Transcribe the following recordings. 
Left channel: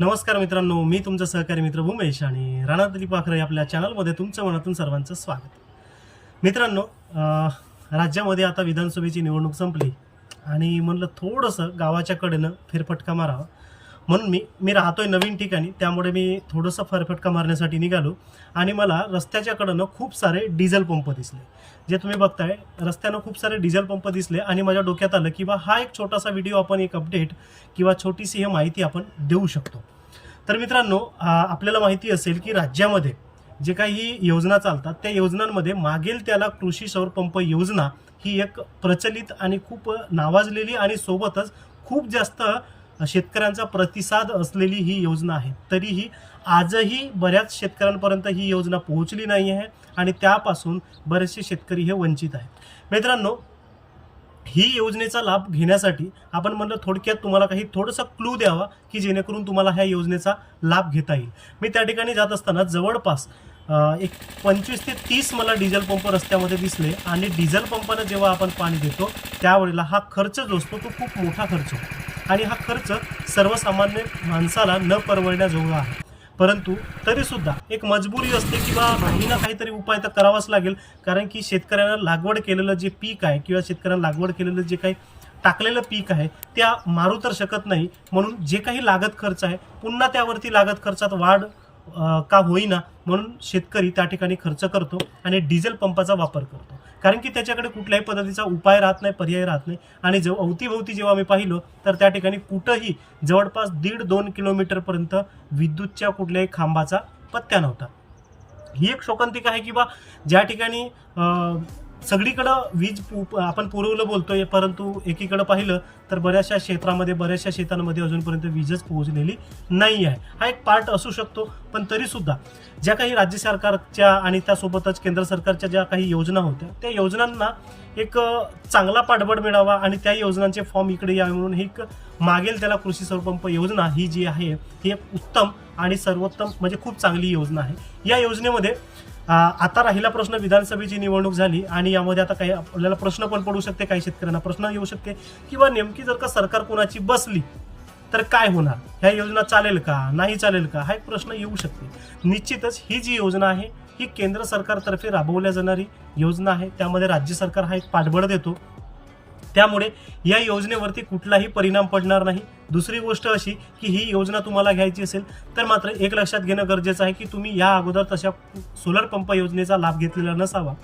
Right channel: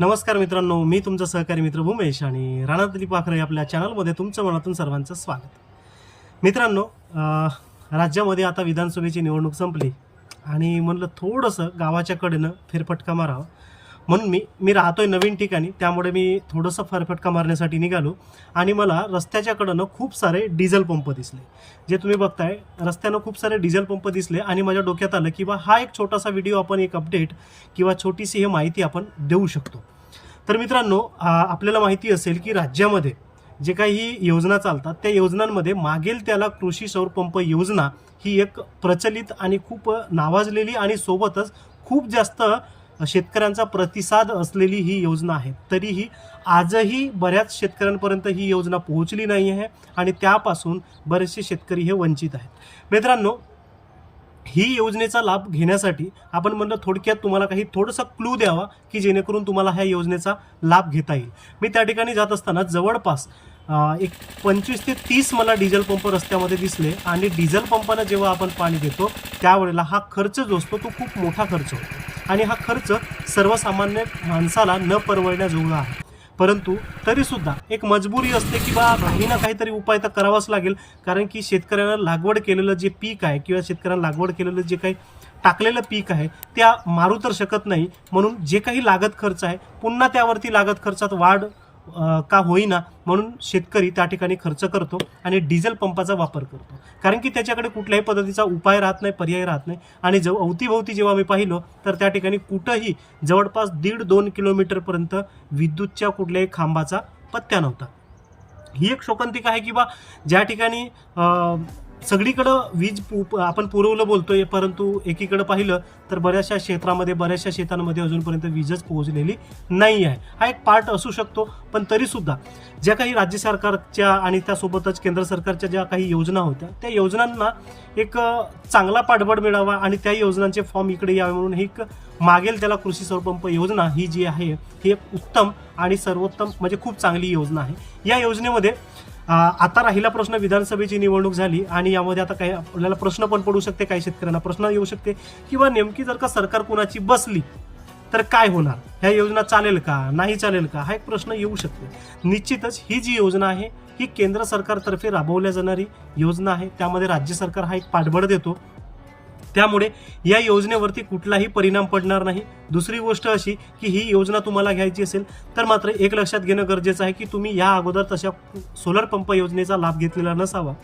नमस्कार मित्रांनो मी तुमचा सहकारी मित्र भूमेश आणि राणा दिलीप पाखरे आपल्या चॅनलमध्ये तुमचं मनातून सर्वांचं स्वागत. मित्रांनो राज्यामध्ये आता विधानसभेची निवडणूक संपली आणि म्हणलं थोडंसं गावाच्या कडेनं फेरफटका मारावा. म्हणून मी मी राहतोय नवीन ठिकाणी त्यामुळे मी थोडंसं फरफटका मारण्यासाठी निघालो. आणि मला रस्त्याच्याकडनं खूप सारे डिझेल पंप दिसले. जे तुम्ही बघताय रस्त्यानं खूप सारे डिझेल पंप दिसले आणि माझ्या डोक्यात आलं की बा हा एक छोटासा व्हिडिओ आपण एक अपडेट किंवा छोटीशी ही माहिती आपण देऊ शकतो. तर मित्रांनो आपल्याला माहिती असेल की राज्यामध्ये जे काही योजना चालतात त्या योजनांमध्ये मागेल त्याला कृषी सौरपंप योजना ही एक प्रचलित आणि खूप नावाजलेली आणि सोबतच खूप जास्त शेतकऱ्यांचा प्रतिसाद असलेली ही योजना आहे. तरीही आजही बऱ्याच शेतकऱ्यांपर्यंत ही योजना पोहोचली नाही आहे आणि त्यापासून बरेचसे शेतकरी हे वंचित आहेत. मित्रांनो ही योजनेचा लाभ घेण्यासाठी आपण म्हणलं थोडक्यात तुम्हाला काही थोडंसं क्लू द्यावा की जेणेकरून तुम्हाला ह्या योजनेचा लाभ घेता येईल. मी त्या ठिकाणी जात असताना जवळपास एक पंचवीस ते तीस मला डिझेल पंप रस्त्यामध्ये दिसले आणि डिझेल पंपानं जेव्हा आपण पाणी देतो त्यावेळेला हा खर्च जो असतो तो खूप मोठा खर्च होतो. आणि हा खर्च सर्वसामान्य माणसाला न परवडण्याजोगा आहे. परंतु तरीसुद्धा एक मजबुरी असते किंवा काही ना काहीतरी उपाय तर करावाच लागेल. कारण की शेतकऱ्यांना लागवड केलेलं जे पीक आहे किंवा शेतकऱ्यांना लागवड केलेलं जे काही टाकलेलं पीक आहे त्या मारू तर शकत नाही. म्हणून जे काही लागत खर्च आहे पुन्हा त्यावरती लागत खर्चात वाढ का होईना म्हणून शेतकरी त्या ठिकाणी खर्च करतो आणि डिझेल पंपाचा वापर करतो. कारण की त्याच्याकडे कुठल्याही पद्धतीचा उपाय राहत नाही पर्याय राहत नाही. आणि जेव्हा अवतीभोवती जेव्हा मी पाहिलो तर त्या ठिकाणी कुठंही जवळपास दीड दोन किलोमीटरपर्यंत विद्युतच्या कुठल्याही खांबाचा पत्त्या नव्हता. ही एक शोकांतिका आहे की बा ज्या ठिकाणी सगळीकडं वीज पु- आपण पुरवलं बोलतोय परंतु एकीकडं पाहिलं तर बऱ्याचशा क्षेत्रामध्ये बऱ्याचशा शेतांमध्ये अजूनपर्यंत वीजच पोहोचलेली नाही आहे. हा एक पार्ट असू शकतो पण तरीसुद्धा ज्या काही राज्य सरकारच्या आणि त्यासोबतच केंद्र सरकारच्या ज्या काही योजना होत्या त्या योजनांना एक चांगला पाठबळ मिळावा आणि त्या योजनांचे फॉर्म इकडे यावे म्हणून ही एक मागेल त्याला कृषी सौरपंप योजना ही जी आहे ही एक उत्तम आणि सर्वोत्तम म्हणजे खूप चांगली योजना आहे. या योजनेमध्ये आता राहिला प्रश्न विधानसभेची निवडणूक झाली आणि यामध्ये आता काही आपल्याला प्रश्न पण पडू शकते काही शेतकऱ्यांना प्रश्न येऊ शकते. किंवा नेमकी जर का सरकार कुणाची बसली तर काय होणार? ह्या योजना चालेल का? नाही चालेल का? हा एक प्रश्न येऊ शकतो. निश्चितच ही जी योजना आहे ही केंद्र सरकारतर्फे राबवल्या जाणारी योजना आहे. त्यामध्ये राज्य सरकार हा एक पाठबळ देतो. त्यामुळे या योजनेवरती कुठलाही परिणाम पडणार नाही. दुसरी गोष्ट अशी की ही योजना तुम्हाला घ्यायची असेल तर मात्र एक लक्षात घेणं गरजेचं आहे की तुम्ही या अगोदर तशा सोलर पंप योजनेचा लाभ घेतलेला नसावा.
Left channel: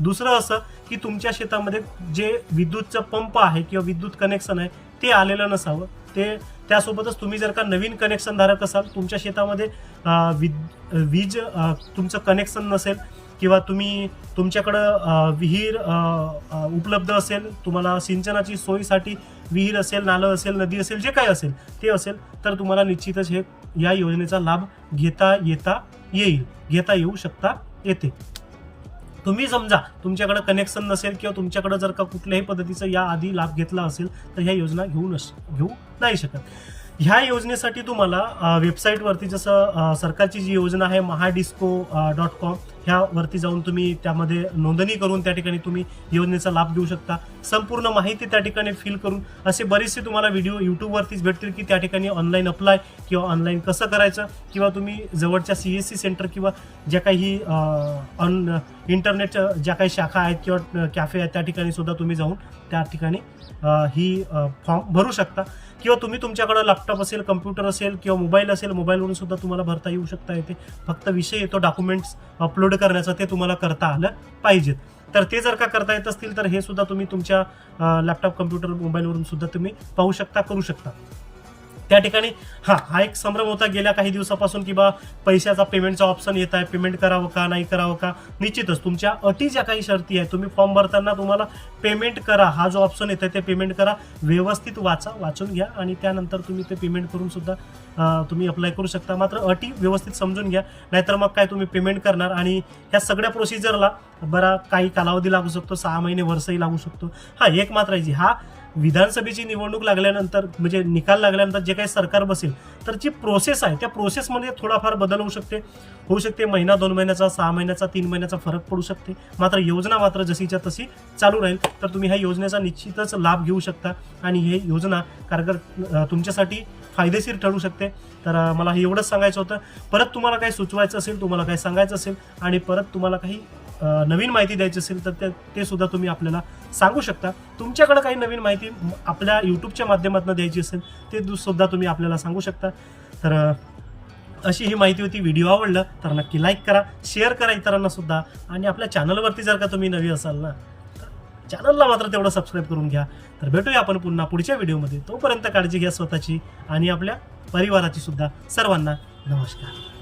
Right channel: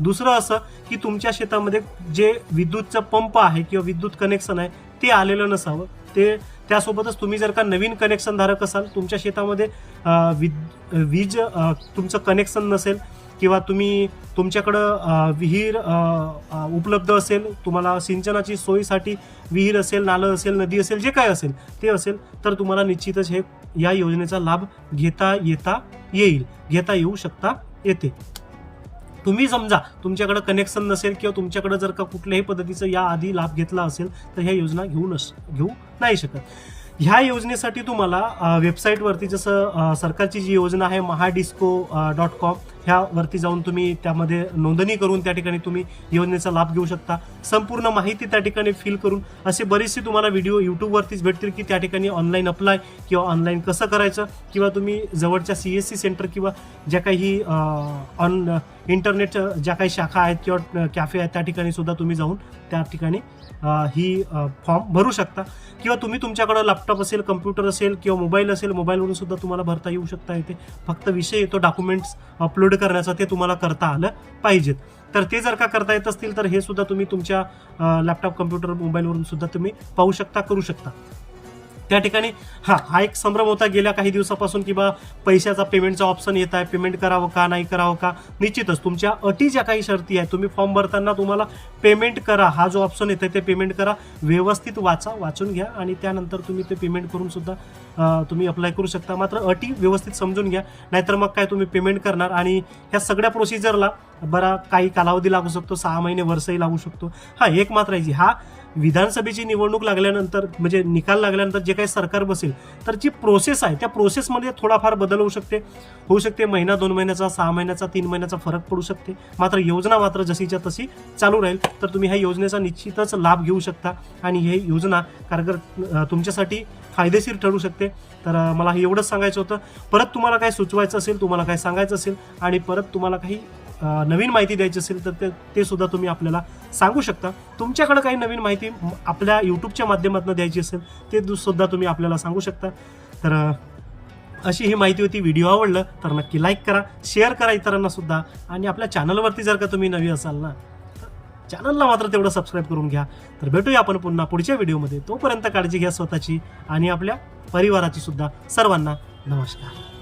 दुसरं असं की तुमच्या शेतामध्ये जे विद्युतचं पंप आहे किंवा विद्युत कनेक्शन आहे ते आलेलं नसावं. ते त्यासोबतच तुम्ही जर का नवीन कनेक्शन धारक असाल तुमच्या शेतामध्ये विद वीज तुमचं कनेक्शन नसेल किंवा तुम्ही तुमच्याकडं विहीर उपलब्ध असेल तुम्हाला सिंचनाची सोयीसाठी विहीर असेल नालं असेल नदी असेल जे काय असेल ते असेल तर तुम्हाला निश्चितच हे या योजनेचा लाभ घेता येता येईल घेता येऊ शकता येते. तुम्ही समजा तुमच्याकडे कनेक्शन नसेल किंवा तुमच्याकडे जर का कुठल्याही पद्धतीचा या आधी लाभ घेतला असेल तर ह्या योजना घेऊ नस घेऊ नाही शकत. ह्या योजनेसाठी तुम्हाला वेबसाईटवरती जसं सरकारची जी योजना आहे महाडिस्को डॉट कॉम ह्यावरती जाऊन तुम्ही त्यामध्ये नोंदणी करून त्या ठिकाणी तुम्ही योजनेचा लाभ घेऊ शकता. संपूर्ण माहिती त्या ठिकाणी फिल करून असे बरेचसे तुम्हाला व्हिडिओ यूट्यूबवरतीच भेटतील की त्या ठिकाणी ऑनलाईन अप्लाय किंवा ऑनलाईन कसं करायचं किंवा तुम्ही जवळच्या सी एस सी सेंटर किंवा ज्या काही ऑन इंटरनेटच्या ज्या काही शाखा आहेत किंवा कॅफे आहेत त्या ठिकाणी सुद्धा तुम्ही जाऊन त्या ठिकाणी ही फॉर्म भरू शकता. किंवा तुम्ही तुमच्याकडं लॅपटॉप असेल कम्प्युटर असेल किंवा मोबाईल असेल मोबाईलवरून सुद्धा तुम्हाला भरता येऊ शकता. येते फक्त विषय येतो डॉक्युमेंट्स अपलोड करण्याचा ते तुम्हाला करता आलं पाहिजेत तर ते जर का करता येत असतील तर हे सुद्धा तुम्ही तुमच्या लॅपटॉप कम्प्युटर मोबाईलवरून सुद्धा तुम्ही पाहू शकता करू शकता. त्या ठिकाणी हा हा एक संभ्रम होता गेल्या काही दिवसापासून की बा पैशाचा पेमेंटचा ऑप्शन येत आहे पेमेंट करावं का नाही करावं का? निश्चितच तुमच्या अटी ज्या काही शर्ती आहेत तुम्ही फॉर्म भरताना तुम्हाला पेमेंट करा हा जो ऑप्शन येतो ते पेमेंट करा व्यवस्थित वाचा वाचून घ्या आणि त्यानंतर तुम्ही ते पेमेंट करून सुद्धा तुम्ही अप्लाय करू शकता. मात्र अटी व्यवस्थित समजून घ्या नाहीतर मग काय तुम्ही पेमेंट करणार आणि ह्या सगळ्या प्रोसिजरला बरा काही कालावधी लागू शकतो सहा महिने वर्षही लागू शकतो. हा एक मात्र हा विधानसभेची निवडणूक लागल्यानंतर म्हणजे निकाल लागल्यानंतर जे काही सरकार बसेल तर जी प्रोसेस आहे त्या प्रोसेसमध्ये थोडाफार बदल होऊ शकते. होऊ शकते महिना दोन महिन्याचा सहा महिन्याचा तीन महिन्याचा फरक पडू शकते. मात्र योजना मात्र जशीच्या तशी चालू राहील तर तुम्ही ह्या योजनेचा निश्चितच लाभ घेऊ शकता आणि हे योजना कारगर तुमच्यासाठी फायदेशीर ठरू शकते. तर मला हे एवढंच सांगायचं होतं. परत तुम्हाला काही सुचवायचं असेल तुम्हाला काही सांगायचं असेल आणि परत तुम्हाला काही नवीन माहिती द्यायची असेल तर ते- ते सुद्धा तुम्ही आपल्याला सांगू शकता. तुमच्याकडे काही नवीन माहिती आपल्या यूट्यूबच्या माध्यमातून द्यायची असेल ते सुद्धा तुम्ही आपल्याला सांगू शकता. तर अशी ही माहिती होती. व्हिडिओ आवडलं तर नक्की लाईक करा शेअर करा इतरांना सुद्धा. आणि आपल्या चॅनलवरती जर का तुम्ही नवी असाल ना तर चॅनलला मात्र तेवढं सबस्क्राईब करून घ्या. तर भेटूया आपण पुन्हा पुढच्या व्हिडिओमध्ये. तोपर्यंत काळजी घ्या स्वतःची आणि आपल्या परिवाराची सुद्धा. सर्वांना नमस्कार.